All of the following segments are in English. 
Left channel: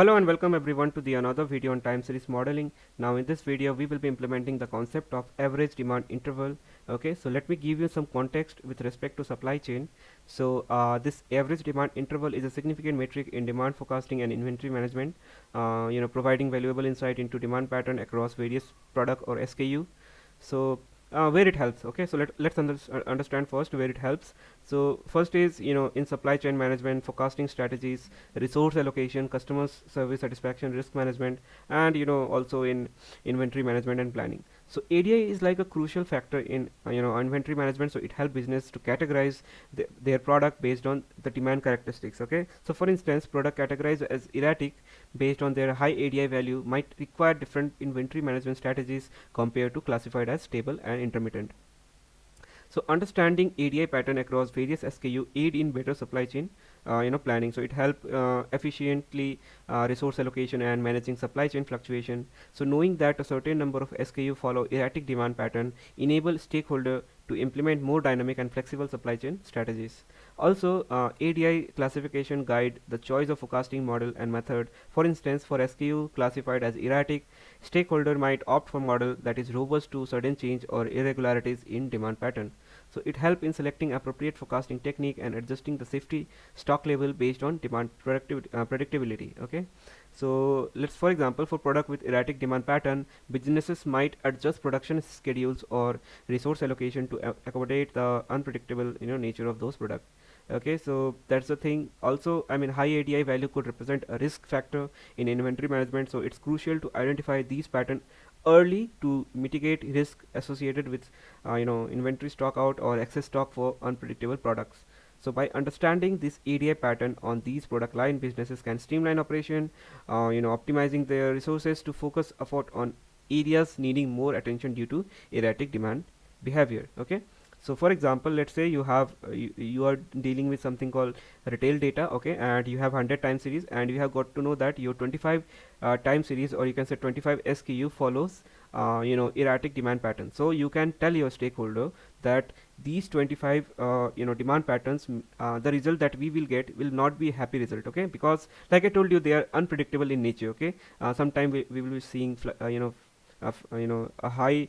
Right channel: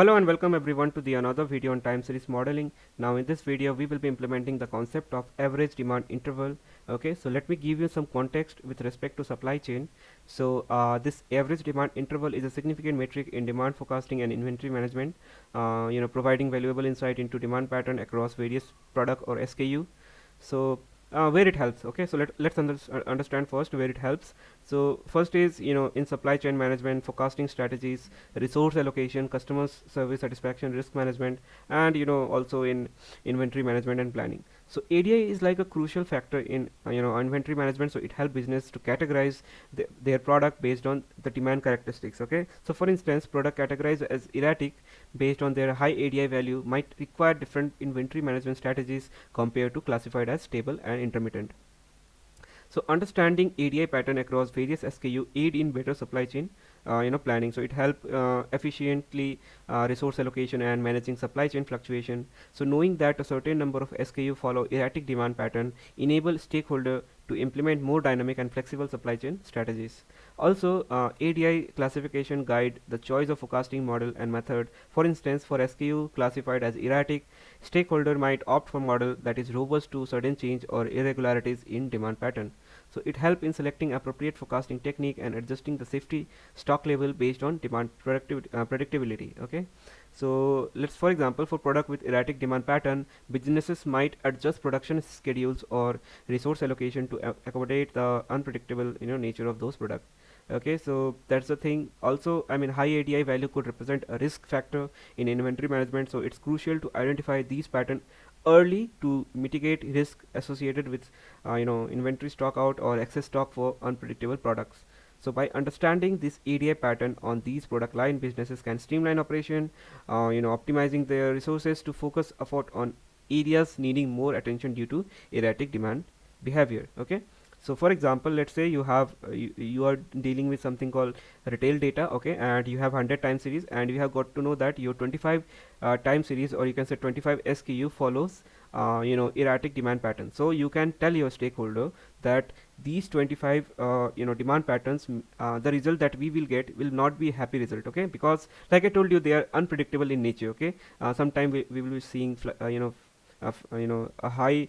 Hello and welcome everyone to the another video on time series modeling. Now in this video we will be implementing the concept of average demand interval. Okay, so let me give you some context with respect to supply chain. So this average demand interval is a significant metric in demand forecasting and inventory management, providing valuable insight into demand pattern across various product or SKU. So where it helps, okay, so let's understand first where it helps. So first is, in supply chain management, forecasting strategies, resource allocation, customer service satisfaction, risk management, and also in inventory management and planning. So ADI is like a crucial factor in inventory management. So it helps business to categorize their product based on the demand characteristics. Okay, so for instance, product categorized as erratic based on their high ADI value might require different inventory management strategies compared to classified as stable and intermittent. So understanding ADI pattern across various SKU aid in better supply chain planning. So it help efficiently resource allocation and managing supply chain fluctuation. So knowing that a certain number of SKU follow erratic demand pattern enable stakeholder to implement more dynamic and flexible supply chain strategies. Also, ADI classification guide the choice of forecasting model and method. For instance, for SKU classified as erratic, stakeholder might opt for model that is robust to sudden change or irregularities in demand pattern. So it helps in selecting appropriate forecasting technique and adjusting the safety stock level based on demand predictability. Okay, so let's, for example, for product with erratic demand pattern, businesses might adjust production schedules or resource allocation to accommodate the unpredictable nature of those products. Okay, so that's the thing. Also, I mean, high ADI value could represent a risk factor in inventory management, so it's crucial to identify these patterns early to mitigate risk associated with inventory stock out or excess stock for unpredictable products. So by understanding this area pattern on these product line, businesses can streamline operation, optimizing their resources to focus effort on areas needing more attention due to erratic demand behavior. Okay, so for example, let's say you are dealing with something called retail data, okay, and you have 100 time series, and you have got to know that your 25 time series, or you can say 25 SKU follows erratic demand pattern. So you can tell your stakeholder that these 25 demand patterns, the result that we will get will not be a happy result, okay, because like I told you, they are unpredictable in nature. Okay, sometime we will be seeing a high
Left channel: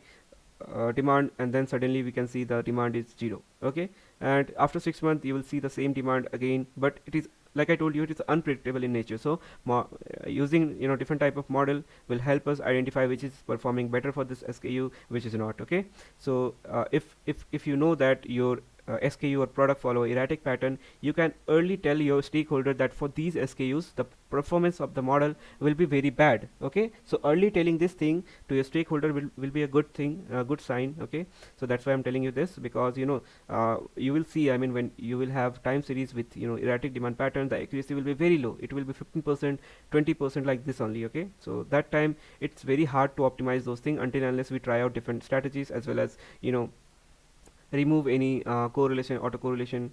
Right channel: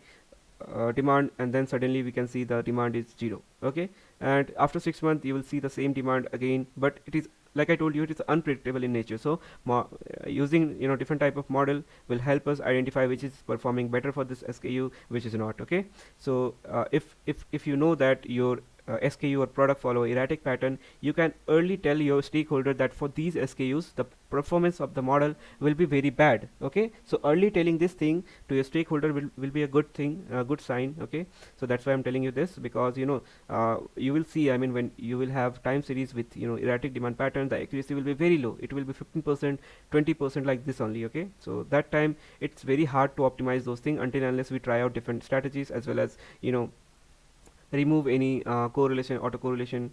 demand, and then suddenly we can see the demand is 0. Okay, and after 6 months you will see the same demand again, but it is, like I told you, it is unpredictable in nature. So using different type of model will help us identify which is performing better for this SKU, which is not. Okay, so if you know that your SKU or product follow erratic pattern, you can early tell your stakeholder that for these SKUs the performance of the model will be very bad. Okay, so early telling this thing to your stakeholder will be a good thing, a good sign. Okay, so that's why I'm telling you this, because you will see, I mean, when you will have time series with erratic demand pattern, the accuracy will be very low. It will be 15%, 20% like this only. Okay, so that time it's very hard to optimize those things until unless we try out different strategies, as well as remove any correlation, autocorrelation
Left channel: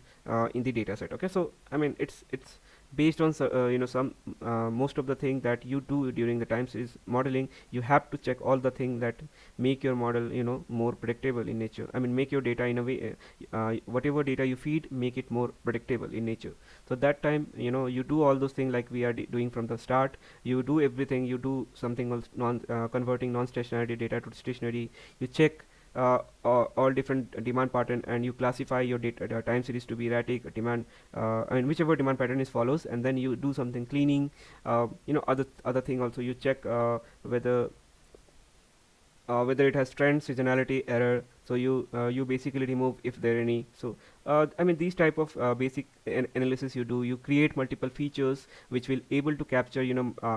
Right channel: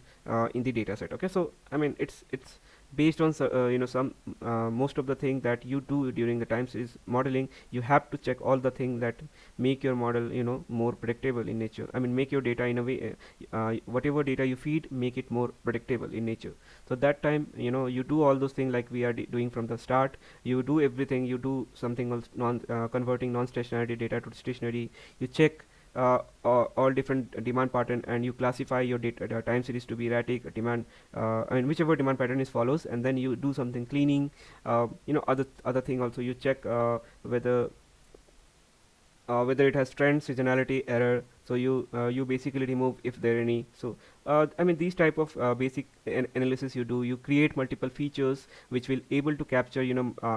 in the data set. Okay, so I mean, it's based on some most of the thing that you do during the time series modeling. You have to check all the things that make your model more predictable in nature. I mean, make your data in a way, whatever data you feed, make it more predictable in nature. So that time you do all those things like we are doing from the start. You do everything. You do something else, converting non-stationary data to stationary. You check all different demand pattern, and you classify your data time series to be erratic demand, and whichever demand pattern is follows, and then you do something cleaning, other thing also. You check whether it has trend, seasonality, error. So you basically remove if there are any. So I mean, these type of basic analysis you do. You create multiple features which will able to capture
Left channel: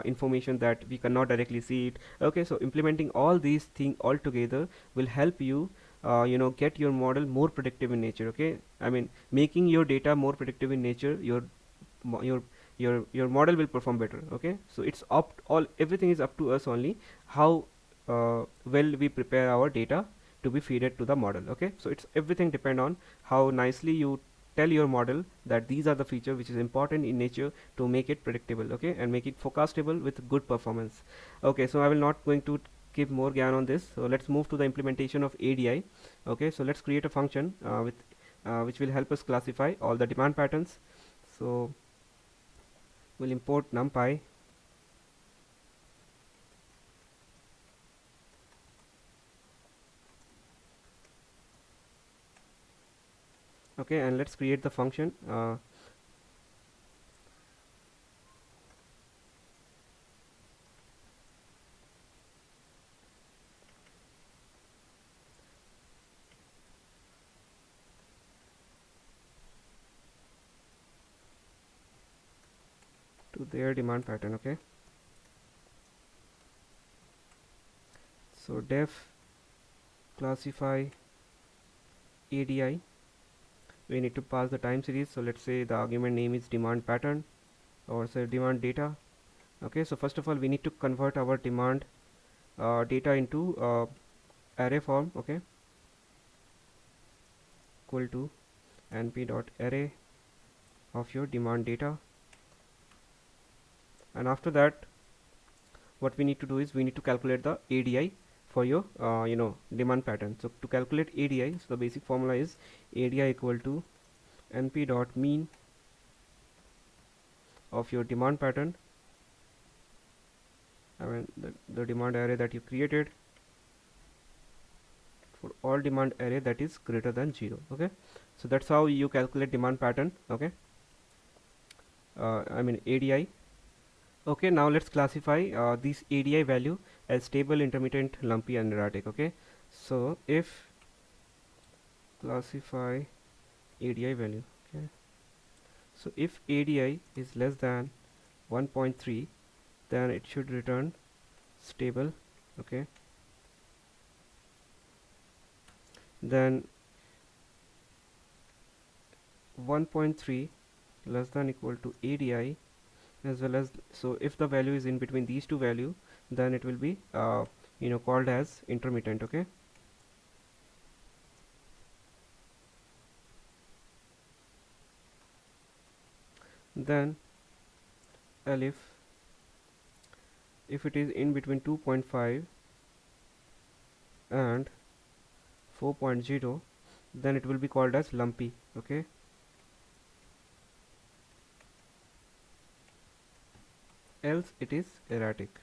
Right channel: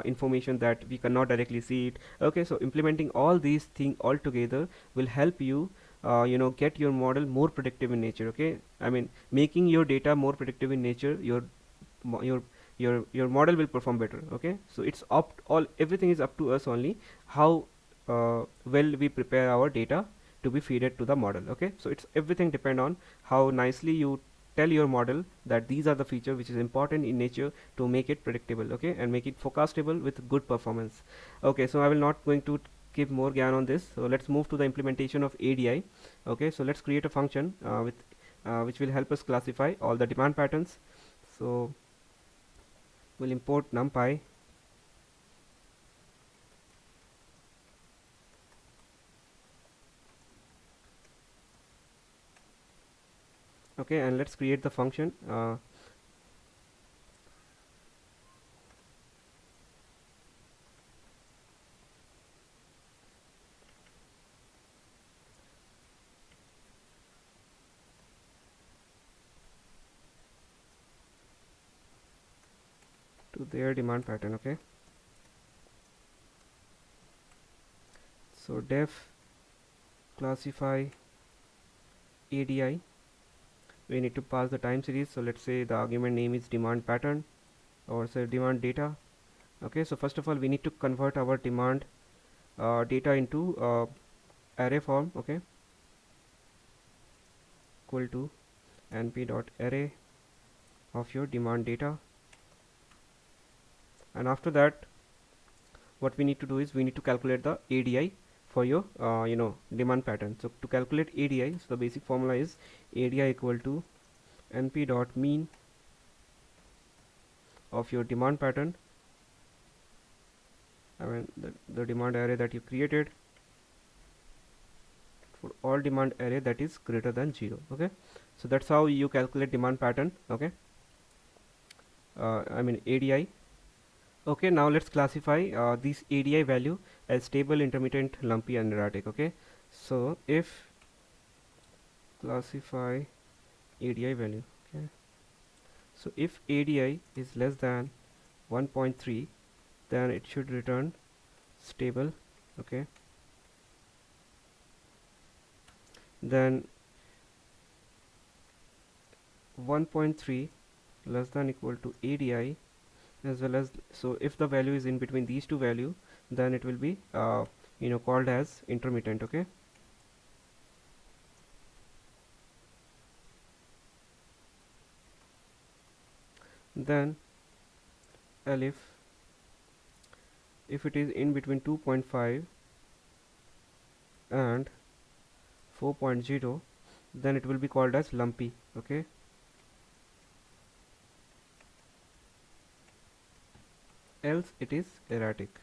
information that we cannot directly see it. Okay, so implementing all these things all together will help you get your model more predictive in nature. Okay, I mean, making your data more predictive in nature, your model will perform better. Okay, so it's all everything is up to us only, how well we prepare our data to be fed to the model. Okay, so it's everything depend on how nicely you tell your model that these are the feature which is important in nature to make it predictable. Okay, and make it forecastable with good performance. Okay, so I will not going to keep more gyan on this, so let's move to the implementation of ADI. Okay, so let's create a function with which will help us classify all the demand patterns. So we'll import NumPy. Okay, and let's create the function. To their demand pattern. Okay, so def classify ADI. We need to pass the time series, so let's say the argument name is demand pattern, or say demand data. Okay, so first of all we need to convert our demand data into array form. Okay, equal to np dot array of your demand data, and after that what we need to do is we need to calculate the ADI for your demand pattern. So to calculate ADI, so the basic formula is ADI equal to np dot mean of your demand pattern, I mean the demand array that you created, for all demand array that is greater than 0. Okay, so that's how you calculate demand pattern. Okay, I mean ADI. Okay, now let's classify this ADI value as stable, intermittent, lumpy, and erratic. Okay, so if classify ADI value. Okay, so if ADI is less than 1.3, then it should return stable. Okay, then 1.3 less than equal to ADI, as well as, so if the value is in between these two values, then it will be called as intermittent. Okay, then elif, if it is in between 2.5 and 4.0, then it will be called as lumpy. Okay, else it is erratic.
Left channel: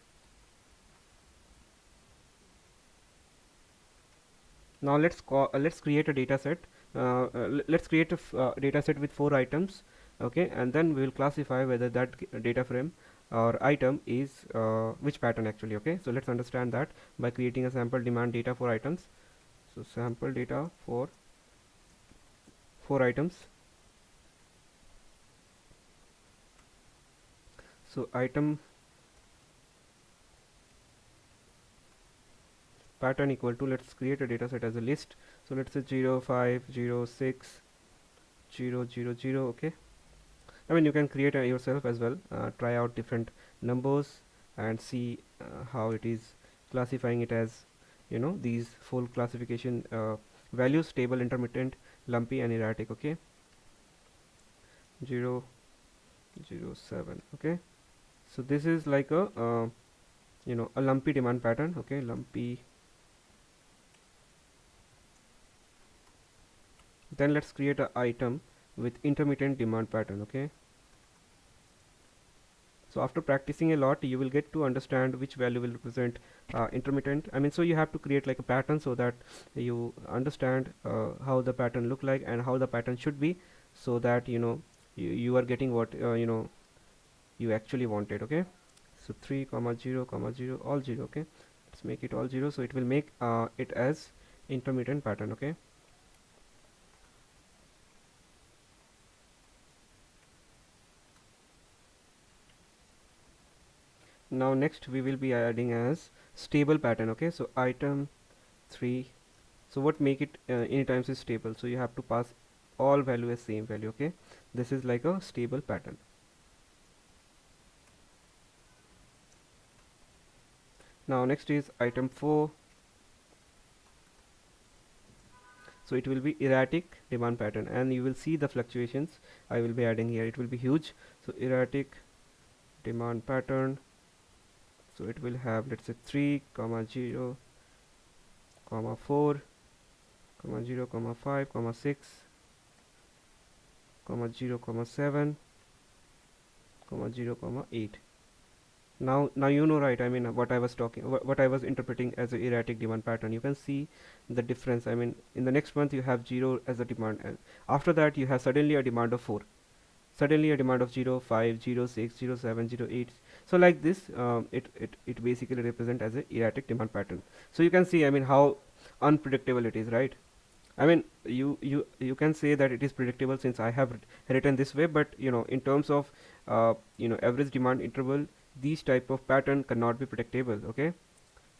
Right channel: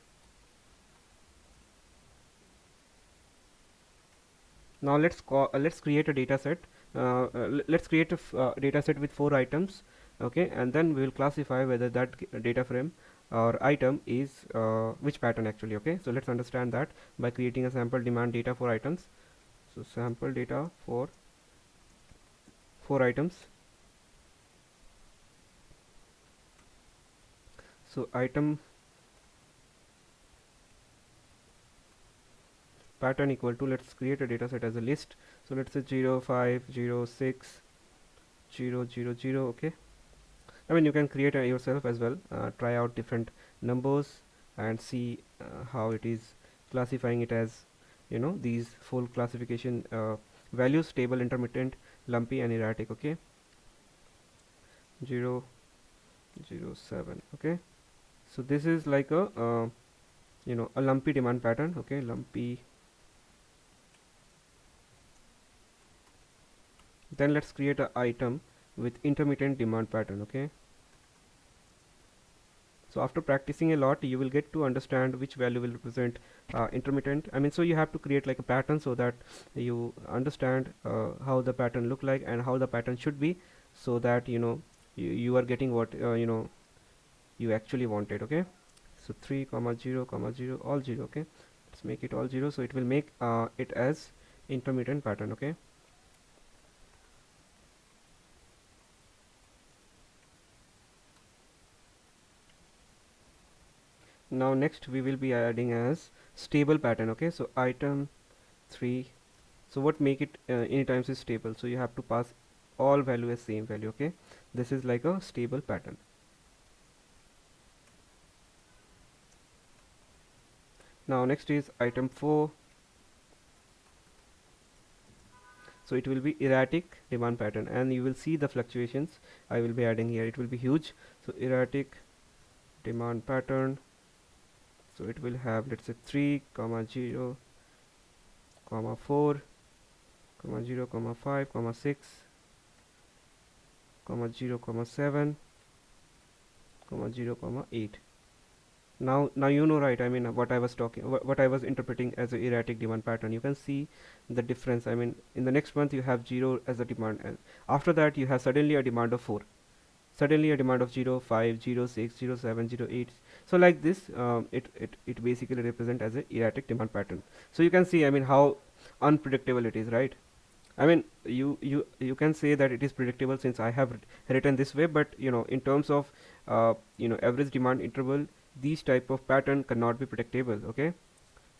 Now let's create a data set. Let's create a data set with 4 items. Okay, and then we will classify whether that data frame or item is which pattern actually. Okay, so let's understand that by creating a sample demand data for items. So sample data for 4 items. So item pattern equal to, let's create a data set as a list. So let's say 0 5 0 6 0 0 0. Okay, I mean you can create yourself as well, try out different numbers and see how it is classifying it as these full classification values: stable, intermittent, lumpy, and erratic. Okay, 0 0 7. Okay, so this is like a a lumpy demand pattern. Okay, lumpy. Then let's create an item with intermittent demand pattern. Okay, so after practicing a lot, you will get to understand which value will represent intermittent. I mean, so you have to create like a pattern so that you understand how the pattern look like and how the pattern should be, so that you are getting what you actually wanted. Okay, so 3 comma 0 comma 0 all 0. Okay, let's make it all 0, so it will make it as intermittent pattern. Okay, now next we will be adding as stable pattern. Okay, so item 3. So what make it e times is stable, so you have to pass all value as same value. Okay, this is like a stable pattern. Now next is item 4. So it will be erratic demand pattern, and you will see the fluctuations I will be adding here. It will be huge. So erratic demand pattern, so it will have, let's say 3 comma 0 comma 4 comma 0 comma 5 comma 6 comma 0 comma 7 comma 0 comma 8. Now you know, right? I mean, what I was talking, what I was interpreting as an erratic demand pattern. You can see the difference. I mean, in the next month you have 0 as a demand, and after that you have suddenly a demand of 4, suddenly a demand of 0, 5, 0, 6, 0, 7, 0, 8. So like this, it basically represent as an erratic demand pattern. So you can see, I mean, how unpredictable it is, right? I mean, you can say that it is predictable since I have written this way, but in terms of average demand interval, these type of pattern cannot be predictable. Okay,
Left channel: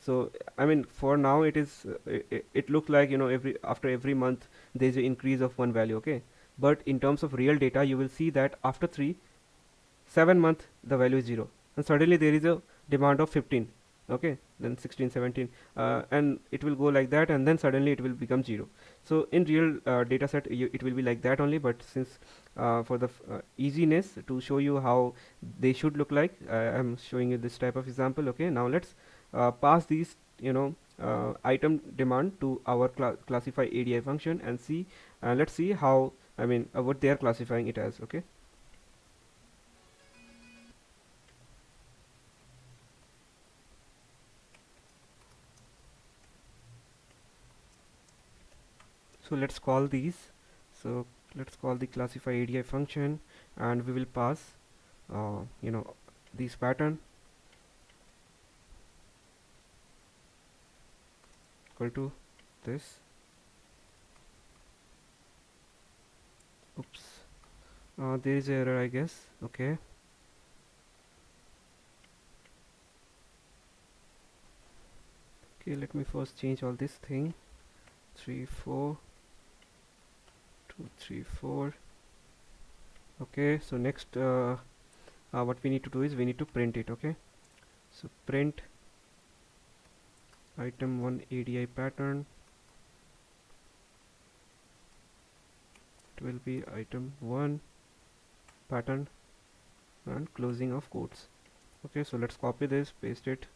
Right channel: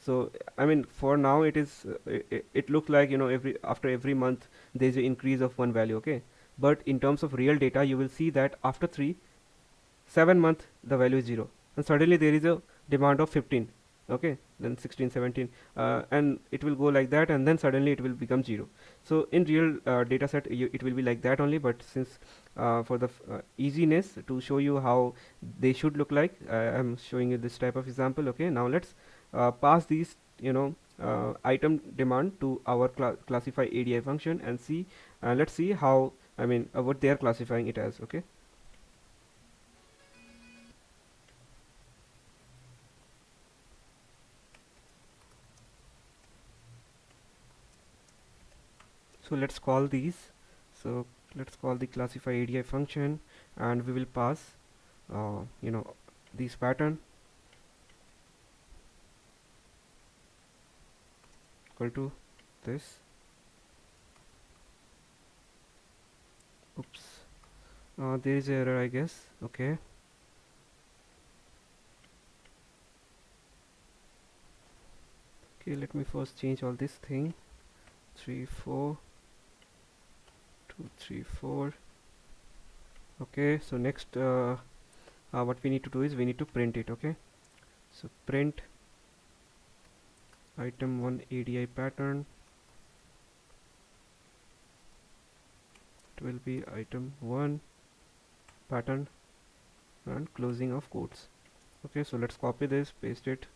so I mean, for now it is it looks like every after every month there is an increase of one value. Okay, but in terms of real data, you will see that after 7 months the value is 0, and suddenly there is a demand of 15. Okay, then 16, 17, and it will go like that, and then suddenly it will become 0. So in real data set, it will be like that only, but since for the easiness to show you how they should look like, I'm showing you this type of example. Okay, now let's pass these item demand to our classify ADI function and see, let's see how, I mean, what they are classifying it as. Okay, so let's call these, so let's call the classify ADI function, and we will pass this pattern equal to this. Oops, there is error, I guess. Okay, okay, let me first change all this thing. 3 4 2 3 4. Okay, so next what we need to do is we need to print it. Okay, so print item 1 ADI pattern. It will be item 1 pattern and closing of quotes. Okay, so let's copy this, paste it.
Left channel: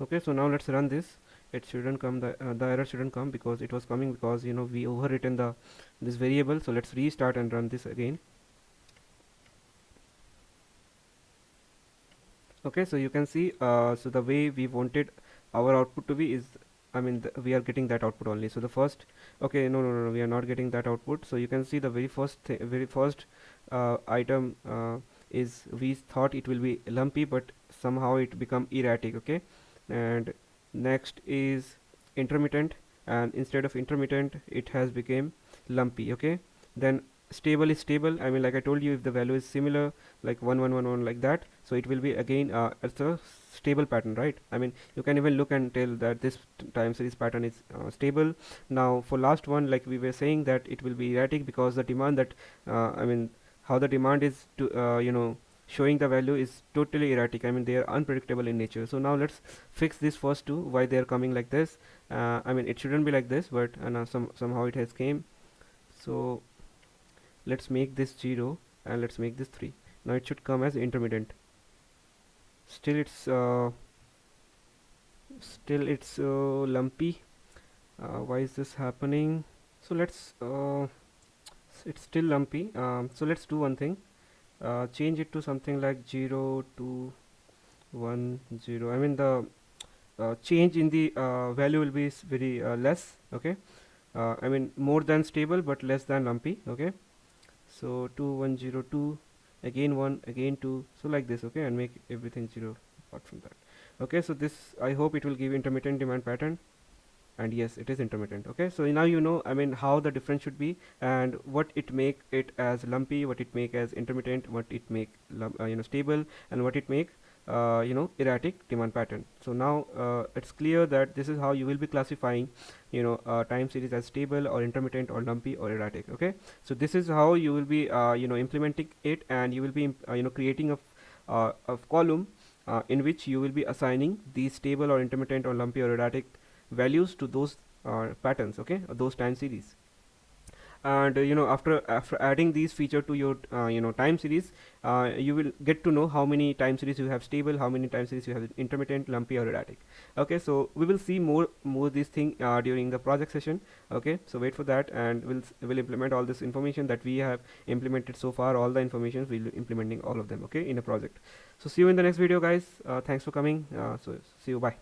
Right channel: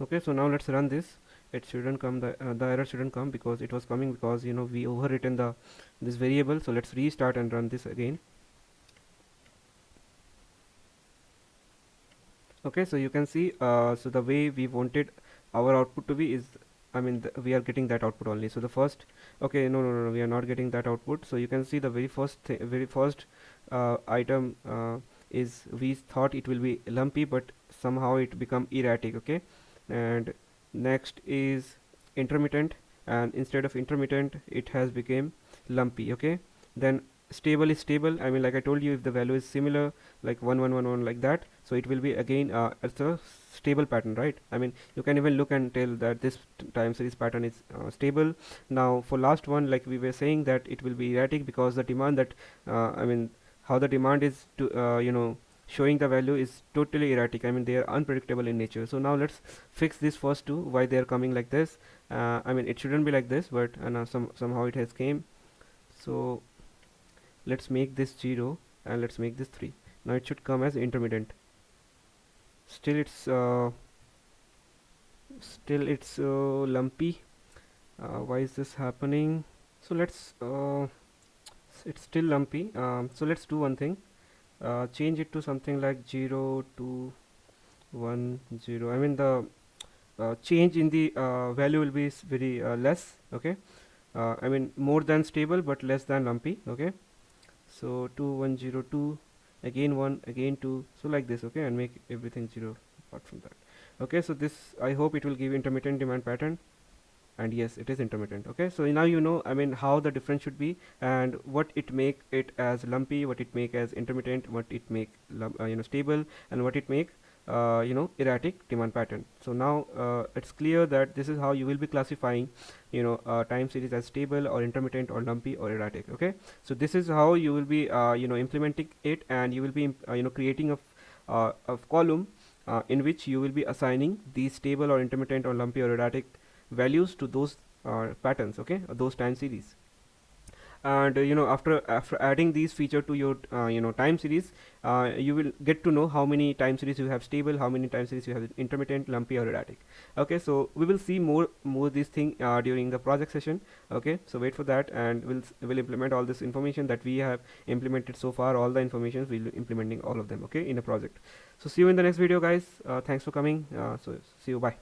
Okay, so now let's run this. It shouldn't come, the error shouldn't come, because it was coming because we overwritten this variable. So let's restart and run this again. Okay, so you can see, so the way we wanted our output to be is, I mean, we are getting that output only. So the first, okay, no, we are not getting that output. So you can see the very first item is, we thought it will be lumpy, but somehow it become erratic. Okay, and next is intermittent, and instead of intermittent it has become lumpy. Okay, then stable is stable. I mean, like I told you, if the value is similar, like 1111 like that, so it will be again it's a stable pattern, right? I mean, you can even look and tell that this time series pattern is stable. Now for last one, like we were saying, that it will be erratic because the demand that I mean, how the demand is to showing the value is totally erratic. I mean, they are unpredictable in nature. So now let's fix this first two, why they are coming like this. I mean, it shouldn't be like this, but somehow it has came. So let's make this 0 and let's make this 3. Now it should come as intermittent. Still it's lumpy. Why is this happening? So let's it's still lumpy. So let's do one thing, change it to something like 0 to 1 0. I mean, the change in the value will be very less. Okay, I mean, more than stable but less than lumpy. Okay, so 2102, again 1, again 2, so like this. Okay, and make everything 0 apart from that. Okay, so this, I hope it will give intermittent demand pattern, and yes, it is intermittent. Okay, so now I mean, how the difference should be, and what it make it as lumpy, what it make as intermittent, what it make stable, and what it make erratic demand pattern. So now it's clear that this is how you will be classifying time series as stable or intermittent or lumpy or erratic. Okay, so this is how you will be implementing it, and you will be creating a column in which you will be assigning these stable or intermittent or lumpy or erratic values to those patterns, okay, or those time series. and after adding these feature to your time series, you will get to know how many time series you have stable, how many time series you have intermittent, lumpy, or erratic. Okay, so we will see more this thing during the project session. Okay, so wait for that, and we'll implement all this information that we have implemented so far. All the information we'll implementing all of them, okay, in a project. So see you in the next video, guys. Thanks for coming. So see you, bye.